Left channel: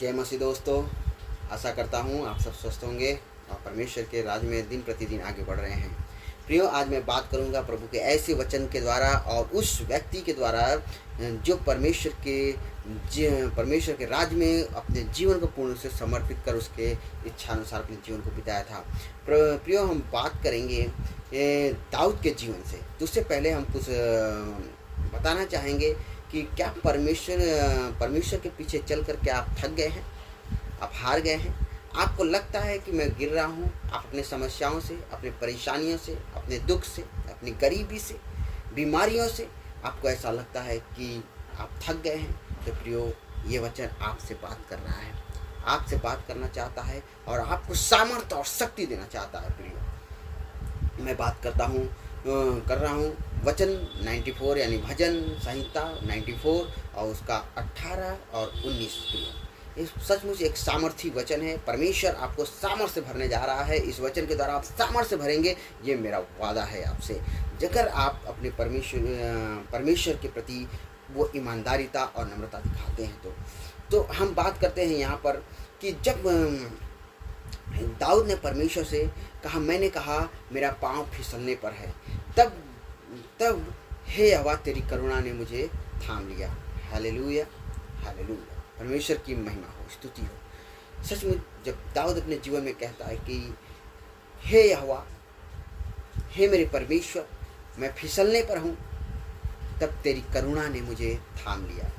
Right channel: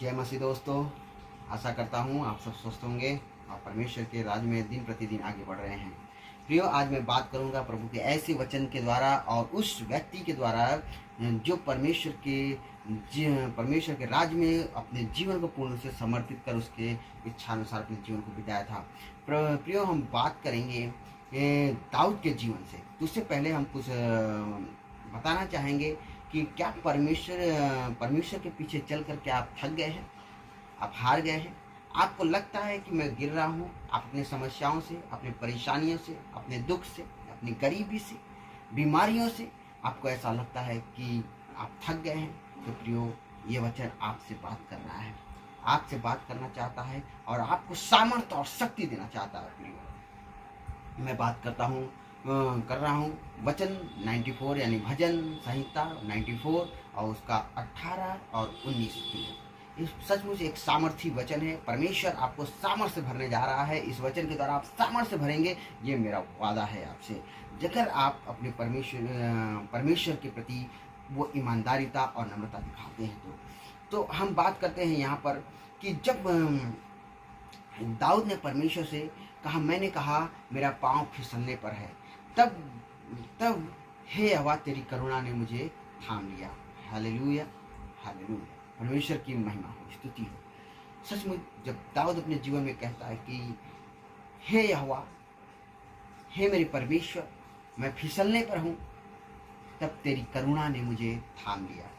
जय मसीह दोस्तों, आशा करता हूँ आप सब स्वस्थ होंगे और परमेश्वर के राज में दिन प्रतिदिन आगे बढ़ रहे हैं। प्रियो, आज मैं बात करूँगा प्रभु के ऐसे वचन के द्वारा और उस व्यक्ति के द्वारा जो परमेश्वर के राज में अपने जीवन को पूर्ण से समर्पित कर उसके इच्छानुसार अपने जीवन को बिताया था। प्रियो, हम बात करेंगे दाऊद के जीवन से। तो उससे पहले हम कुछ बताना चाहेंगे कि क्या परमेश्वर के पीछे चलकर क्या आप थक गए हैं, आप हार गए हैं, आपको लगता है कि मैं गिर रहा हूँ। आप अपने समस्याओं से, अपनी परेशानियों से, अपने दुख से, अपनी गरीबी से, बीमारियों से आपको ऐसा लगता है कि आप थक गए हैं। तो प्रियो, ये वचन आपसे बात कर रहा है, आपसे बात करना चाहता है और आपको सामर्थ्य और शक्ति देना चाहता है। प्रियो, मैं बात कर रहा हूँ वचन 94 यानी भजन संहिता 94 और उसका 18 और 19। इस सचमुच एक सामर्थी वचन है। परमेश्वर आपको सामर्थ्य से भरने जा रहा है। इस वचन के द्वारा आप सामर्थ्य से भरेंगे, ये मेरा वादा है आपसे। जगह आप अपने परमेश्वर के प्रति वो ईमानदारीता और नम्रता दिखाते हैं तो हम बात करते हैं यहाँ पर कि जब दाऊद ने परमेश्वर से कहा, मैंने कहा मेरा पाँव फिसलने पर है, तब हे यहोवा तेरी करुणा ने मुझे थाम लिया। हालेलुया, हालेलुया, परमेश्वर की महिमा हो, स्तुति हो। सचमुच जब दाऊद अपने जीवन में कहता है कि हे यहोवा, हे मेरे परमेश्वर, मैं फिसलने पर हूँ, तब तेरी करुणा ने मुझे थाम लिया।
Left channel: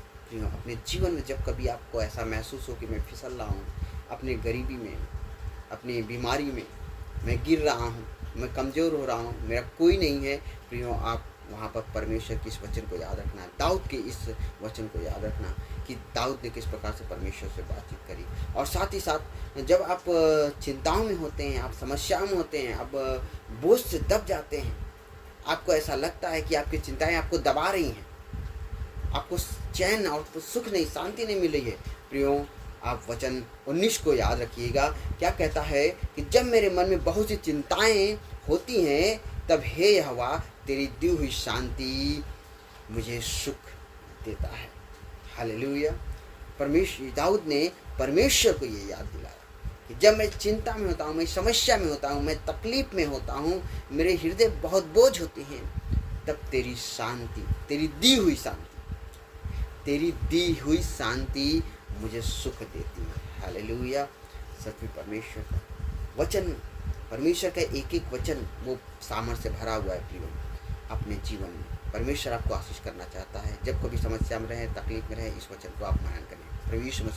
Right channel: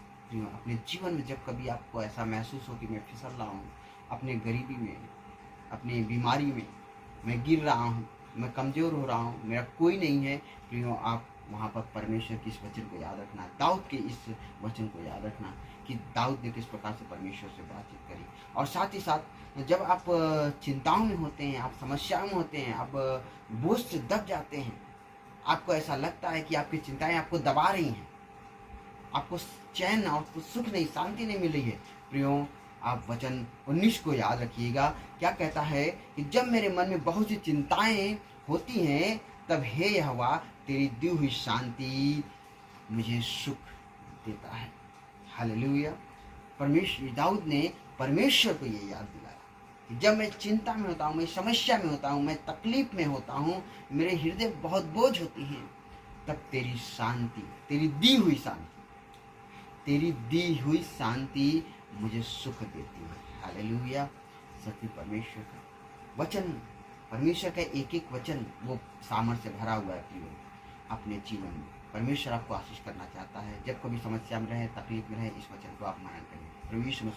अपने जीवन में जब कभी आपको ऐसा महसूस हो कि मैं फिसल रहा हूँ, अपने गरीबी में, अपनी बीमारी में मैं गिर रहा हूँ, मैं कमज़ोर हो रहा हूँ, मेरा कोई नहीं है, प्रियो, आप वहाँ पर परमेश्वर के इस वचन को याद रखना, दाऊद के इस वचन को याद रखना कि दाऊद ने किस प्रकार से परमेश्वर से बातचीत करी। और साथ ही साथ जब आप चिंताओं में होते हैं, आप समस्याओं में होते हैं, आप बोझ से दब जाते हैं, आपको ऐसा लगता है कि आपकी चिंताएं आपको दबा रही हैं, आपको चैन और सुख नहीं, शांति नहीं मिल रही है, प्रियो, आप वचन 19 को याद रखिएगा। क्या कहता है कि जब मेरे मन में बहुत सी चिंताएं होती हैं, तब हे यहोवा तेरी दी हुई शांति मुझे सुख देता है। हालेलुया। दाऊद ने परमेश्वर को ये याद दिलाया कि जब मैं चिंता में होता हूँ, मैं समस्या में होता हूँ, मैं तकलीफ में होता हूँ, मेरे हृदय बहुत बोझ होती हैं, तब तेरी शांति, तेरी दी हुई शांति मुझे सुख देती है। हालेलुया। सच परमेश्वर का वचन, परमेश्वर का एक एक वचन वो सामर्थ्य से भरा हुआ है। प्रियो, अपने जीवन में परमेश्वर आपको आशीष करना चाहता है। जब कभी समस्या में रहे, तकलीफ में रहे, इस वचन को आप मनन करें। प्रभु यीशु मसीह